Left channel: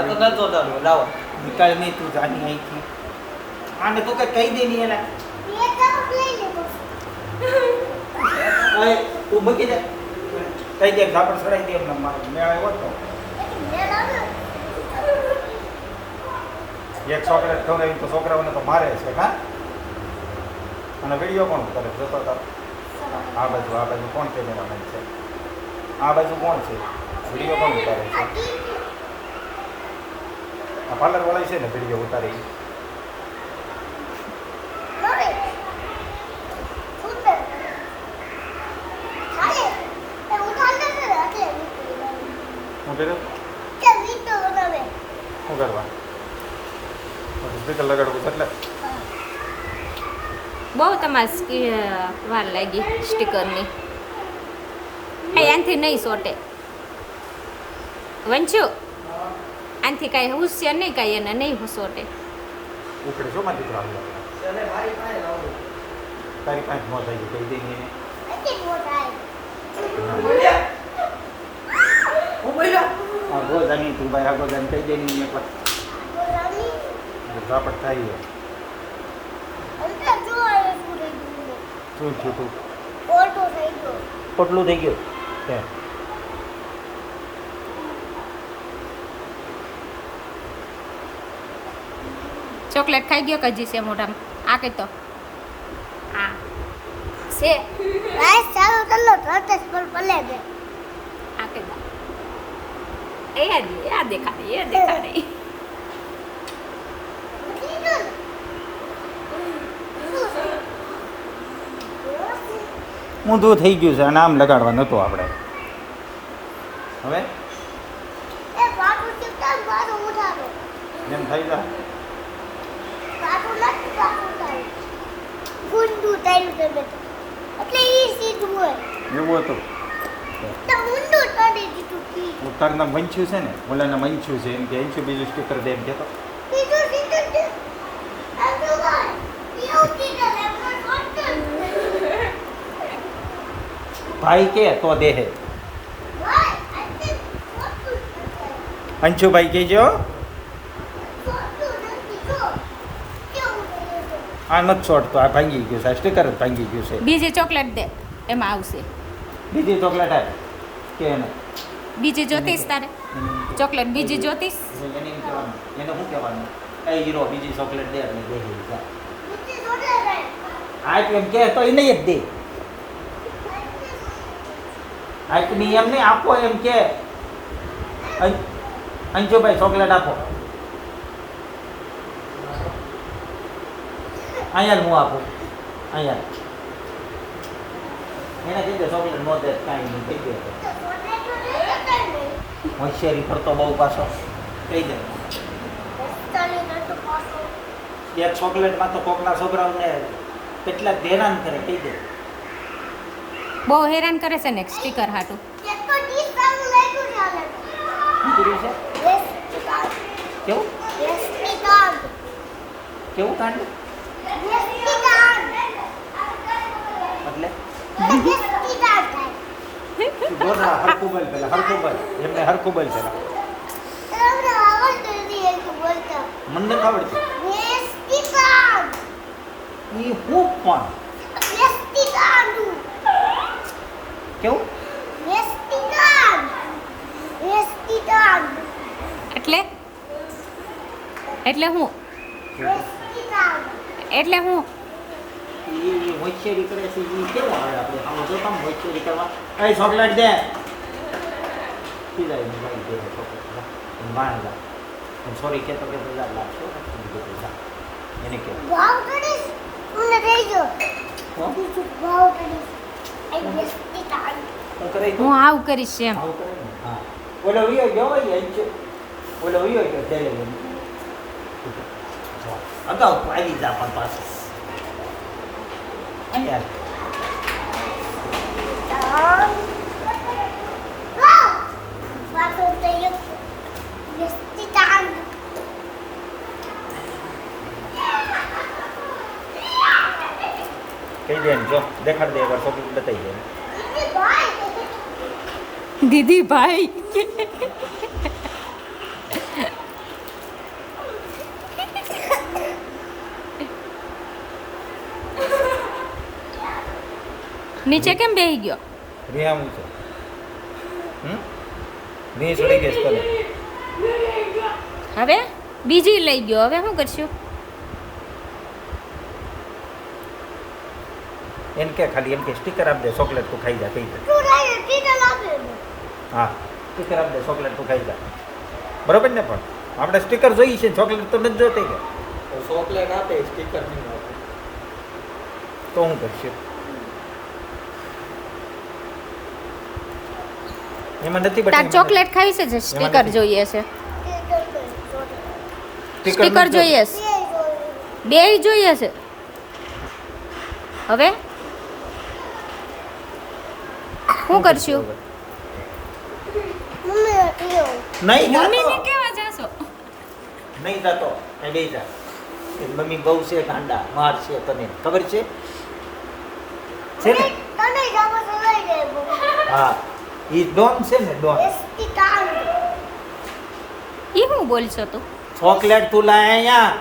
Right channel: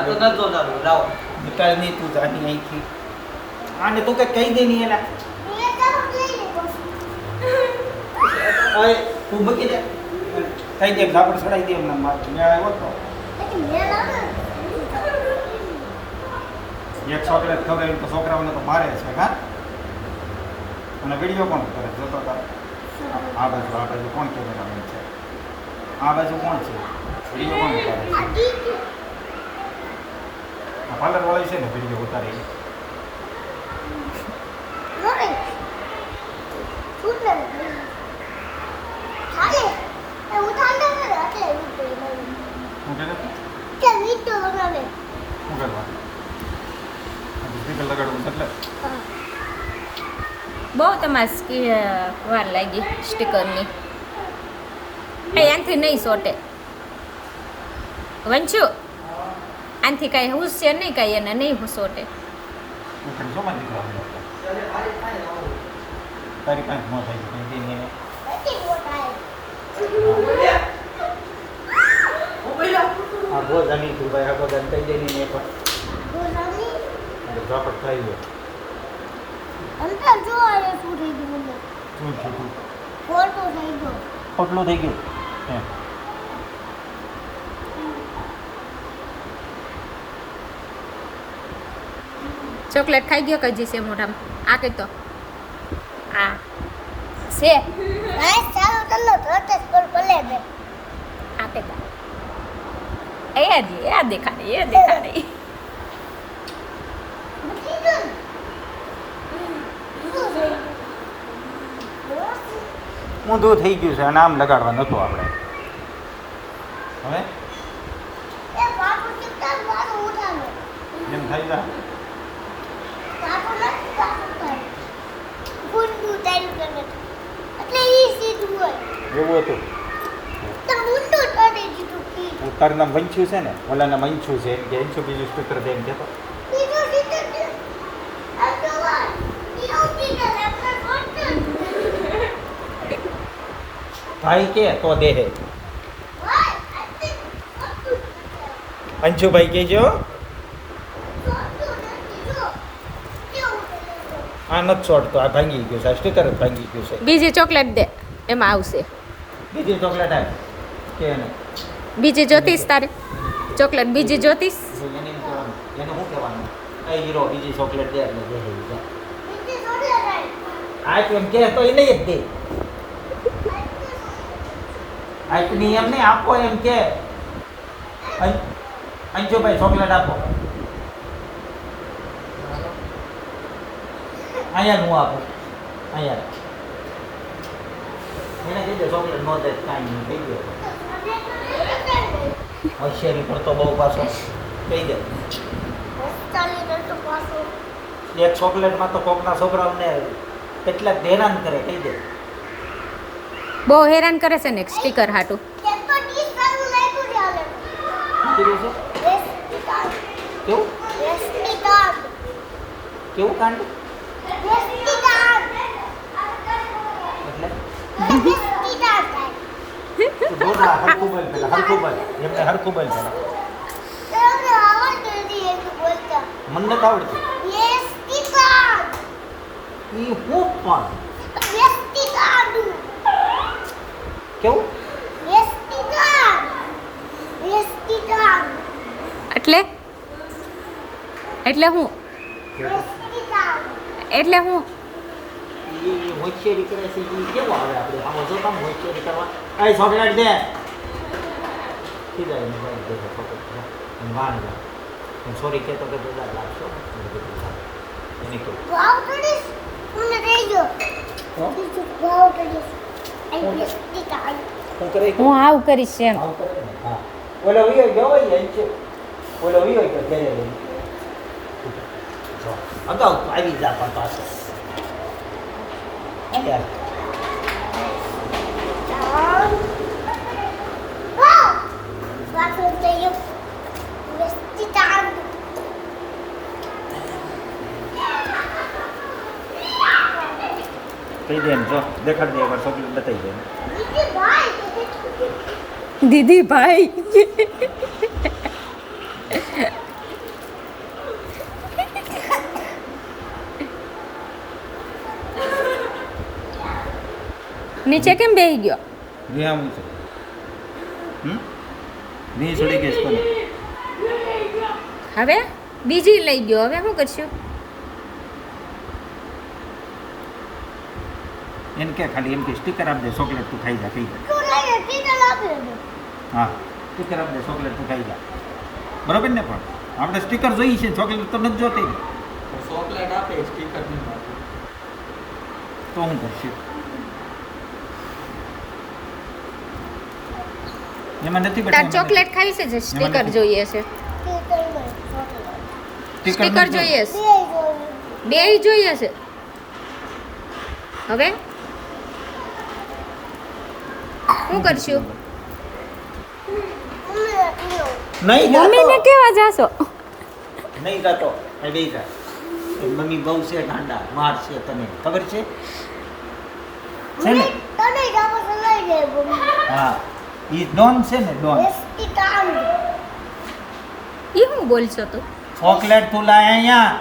આ તો નતો લાવો લાવો વિકાસ નહીં તું જાની અહીંથી આને તું કઈ કહી દે નહીં એલા અરે તું બકી દે કહી દે ગાપડ સડાઈ દે એમને માર મેં આવ્યો તો એક ચોકલેટ ખવડાવી તો છોકરાઓને તો મારે છે હા અને વિડીયો કોણ કરે જોતો તાર આ બાજુ કોણ કેમેરામેન છે આ બાજુ કોણ છે વિડીયો કોણ ઉતારે છે આ પાર્લર વાળી છે ને વિડીયો ઉતારી શું કરે શું કરવા સ્પીકર લગાડવું એટલે બહુ તમારે વાર લાગી સ્ટીકરની આનથી નહીં સોટે વંચુ આનથી કાંઈ હુસ્ય નહીં કાંઈ એને નહીં સોટે ઉખડે શું માં દીકરા તારી પાંચ ન થાય કહી દઈ એને આ બહુ જાની તું ભાઈ આગળ જાન કહી દઈ ને એક વાર ઝાપટ થાય છે શું થયું તું પોટલું થઈ ગયું હે ચોકલેટ ખાઈ ગયો કજી છે મોઢામાં આ કઈ તો આ છે આ કે દા એ દેખાડી ઊંધું થઈ ગયું છે નામ લગાડવા નતું આપણે હવે એમ થાય તા એવું હતું તારું નામ વંચ્યું છે ને ઓલાના વંચ્યું છે એમ કે વંચ્યું બીજું સ્ટીકર દે એમ કહેતો ભાઈ કે તો દેહે અંશુભાઈ કહેજો આ નથી છોડતો આ ભાંગી ગયું છે સ્ટીકર જ ભાંગી ગયું છે બીજી ચોકલેટ દે એમાં આવશે બીજી ચોકલેટ આવે કે એને બીજી જોતીશ તારે ચોકલેટ બીજી જોતીશ એને નહીં કહેવાનું એને શું કહેવાનું એ હીરો બીજી ચોકલેટ દે એટલે દેહે આ એમ કે તો એ નહીં જ દે આજની એમ નહીં આપો એમ કે અંશુભાઈ ચોકલેટ આપો અહીંયા હું આપું અહીંયા એને કીધું ચોકલેટ નો દે કાંઈ નહીં કહી દો હોશિયારી કરતો બહુ પાછો કહી દે એક ચોકલેટમાં તો કોકના છોકરાઓને કેટલાક હેરાન કરે કહી દે બહુ હેરાન કરે છે ને સ્ટીકર હાટું કેવું કેવું કાંડ એટલે બોલા હરખું બોલ પેલા હરખું બોલ એમને હરખું બોલ પેલા મને નથી આવડતું ઈ હું પણ કેવું એટલે હું ઈ હોશિયારી કરે છે ઈ કેવું આવે આપણે આમાં જો તમે હોશિયારી કરવા એ ચોકલેટ દે સીધા એને જાય દે ચોકલેટ એને વાણ લા એમ સોરી કહેતો કે તું લાગશો એને કે હું આવું કરીશ એમ હા ઓલો વિયો ગયો એમ છે ઓલો વિયો ગયો ઘરે લઈને અગાઉ આવી જા પણ પાછો કહી દે જો દેખાડ દે એકવાર ચોકલેટ બતાવી દે દીદી ભાઈ નીચે કેમ બેહી ગયો? રિયા છે ની છોડી ગઈ છે તને. હવે બીજી લઈ ગયો. હવે શું કરશું? એમ કે ખાલી એમ કે સ્ટીકર આપી દે, ચોકલેટ તું ખાઈ જા, ખાઈ જા. હા સ્ટીકર આપી દે, ચોકલેટ તું ખાઈ જા. બરાબર ને? પણ આપણે સ્ટીકર જોઈએ છે, ચોકલેટ તો નથી જોતી ને. ચોકલેટ આપે સ્ટીકર નહીં આપે. તો હું કરશું? એમાં નથી તાર બતાવ્યું. ચોકલેટ ખાઈ છે જે સ્ટીકર નથી. જોઈએ છે? સ્ટીકર જોઈએ છે? બેય જોઈએ છે. હવે શું કરશું? નહીં મમ્મીને જાતો. કેવા જાશો? નહીં જાતો. અહીં બેસી જા. એ મમ્મી બહુ છે ગાંડા, માર છે તને ખબર છે? છે ને? હા ઈ ડોન છે ને, ડોન. ઈ શું બોલશો તું? ચોકલેટ તું લાય અહીંયા.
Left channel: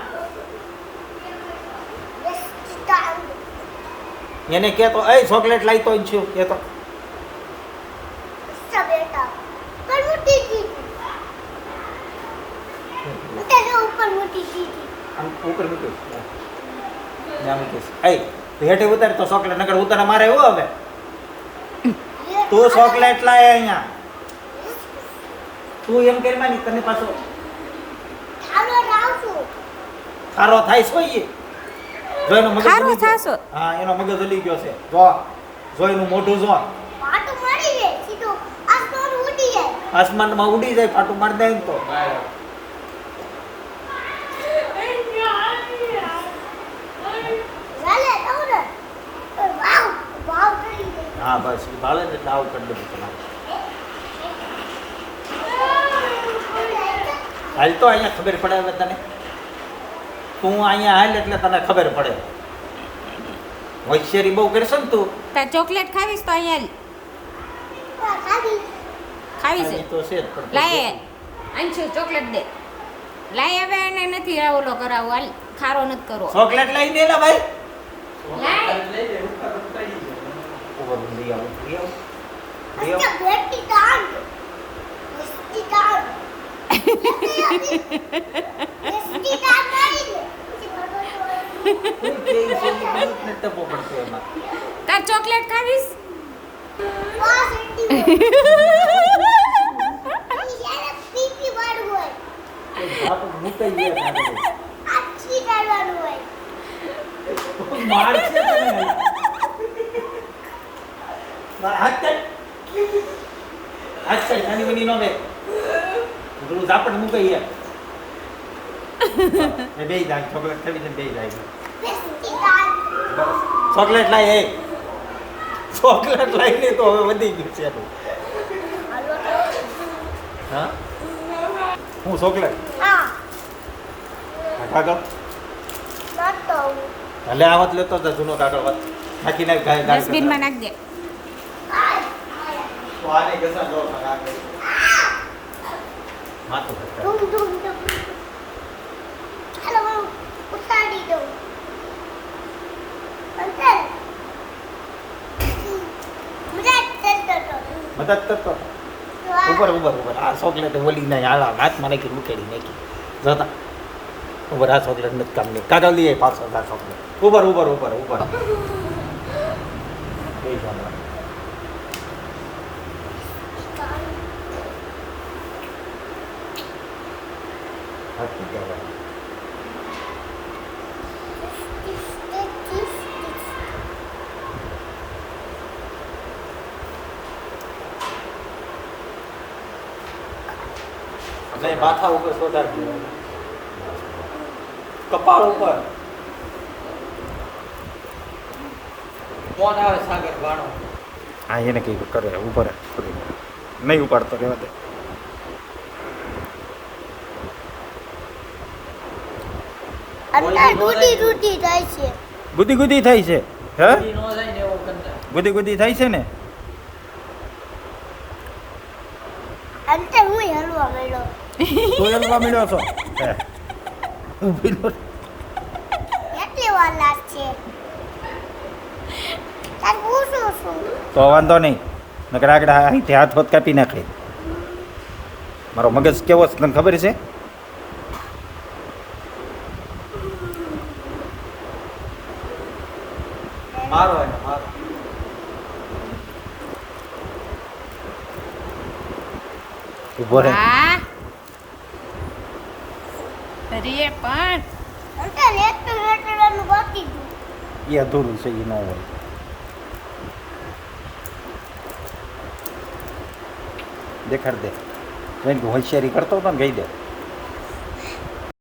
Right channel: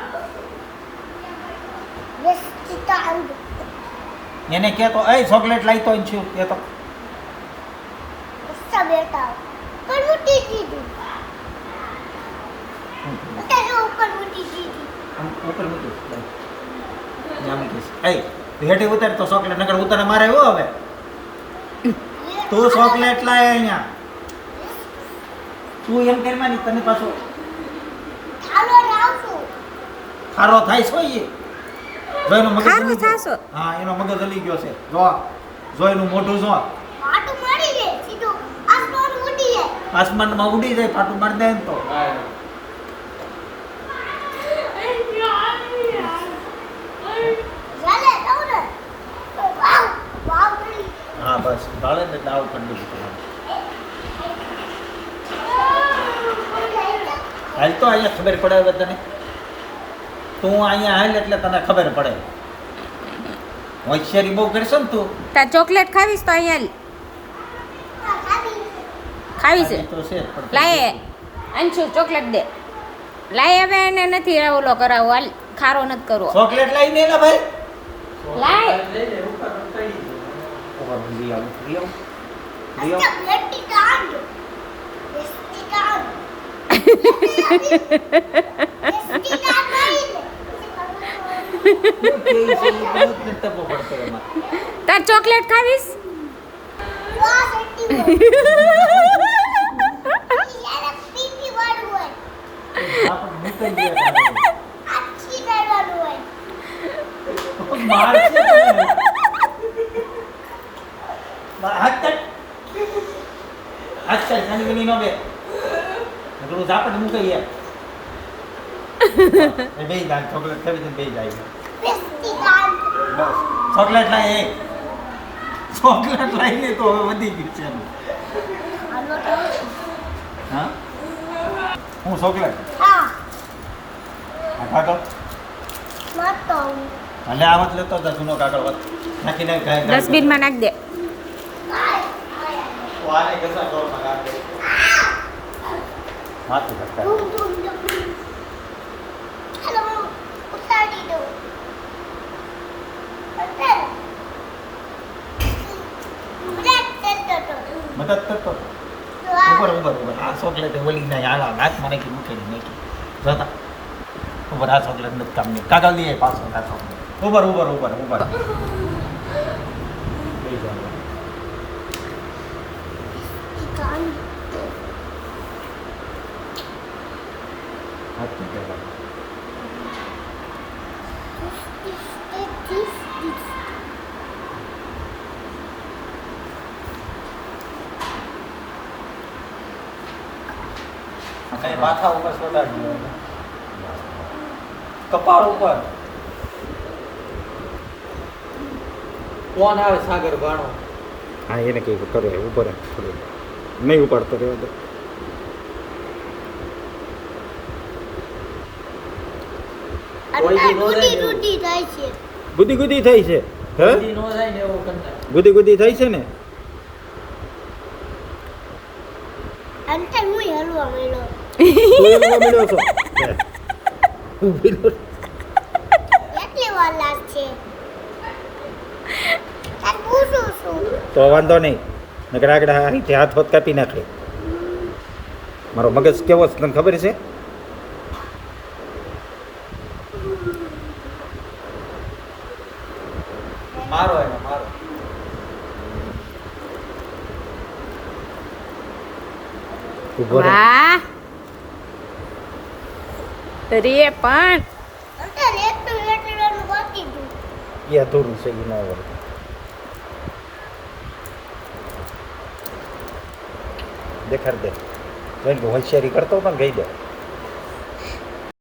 એને કહેતો એ ચોકલેટ લાવતો જ છું કહેતો. આમ ઉપર મૂકી જા મૂકીશ. એ હેઠે ઉતાર તો ચોકલેટ નકર ઉતારે મારે હો હવે. તું ચોકલેટ લાય અહીંયા. તું એમ કરમાં ની તને પાછો ખારો થાય છો ઈ. જો એનો મગજ ખારો હલી ગયો. થાશો? હા એનો મગજ હલી ગયો છે. જો જો એનું મોઢું જો આસમાનમાં ઉડી જાય, ફાટું મારી દે ને તો. હા બસ ભાવે ને એટલે આવું કરી દીધું તમારે. હાલ તો અહીંયા ખબર પડે હવે તને. તું અહીંયા હાલ એટલે તને ખબર પડે. હોશિયારી બહુ કરશો ને તું. તાર ચોકલેટ ખાવીશ તો અહીંયા ખાવી છે. તો છે જ, પણ લાય અંશુ ચોકલેટ દે. લાય હવે એને નથી ઓલો કરાવો. હાલ ખારો નથી કરવો. ચોકલેટ લઈ દે ને ભાઈ. લાય. ઉભો રહો, લઈ આવું, લઈ આવું. લઈ આવું. શું કહે છે? ઈ બહુ જ નથી ટપો પડતો એમાં. તાર ચોકલેટ ખાવીશ? આપણે મુકાઈ ગયા આપણે. માર છે ને. માર હાથ કાઢ. હાથ કાઢ, નાની બની નો બે. પેલું ઝાપટ મુકાઈ ગયા. એ બેય જાય ચોકલેટ ખાવી ને બેય જાય. બસ ચોકલેટ લાય એ. ચોકલેટ લાઈને તો હવે વધી ગયું છે એનું. હા હું ચોકલેટ કાગળ ભલે આવત લેતો જા જૂનો કાગળ વાત નાખી નાખ ગાય ડસ્ટબિનમાં નાખ દે. તો આને ગસા દો માથું સરકાર મદદ કરતો ઉપર ઉપર ઉપર આ ચોકલેટ ઓલી ના આલા હાથમાં નાખી મૂકેડી નાખી જોતા ઉપર આ ચોકલેટ નથી કામ નહીં કાગળ લઈએ પાછો આ ચોકલેટ ઉપર ઉપર ઉપર ઉપર એ જાણ હાથ નીકળવા એટલે માથા ઉપર સોડાડી દેવાનું. કપાળ ઉપર કોણ આવે સાગર ભાણો હા એને કઈ કરે ઉપર થોડી નહીં ઉપાડતો રહેવા દે ગુદી ગુદી થાય છે હા કોઈ નો જાય ને એવો કંટાળ. ગુદી ગુદી થાય છે ને તું એમ મળ્યો છો ઊભી નો કેટલી વાર લાગશે તાર પૂછું તો વાંધો નહીં નકર આગળ અહીંથી હાથ હોત કાપી નાખે મારો મગજ કેવો છે તને ખબર છે મારો એને મારો. ઊભો રહે વાહ રે પણ એ અધૂરું છે એ ન હોય દેખાડ દે જેમ કે હોશિયારી કરતો હતો ને કહી દે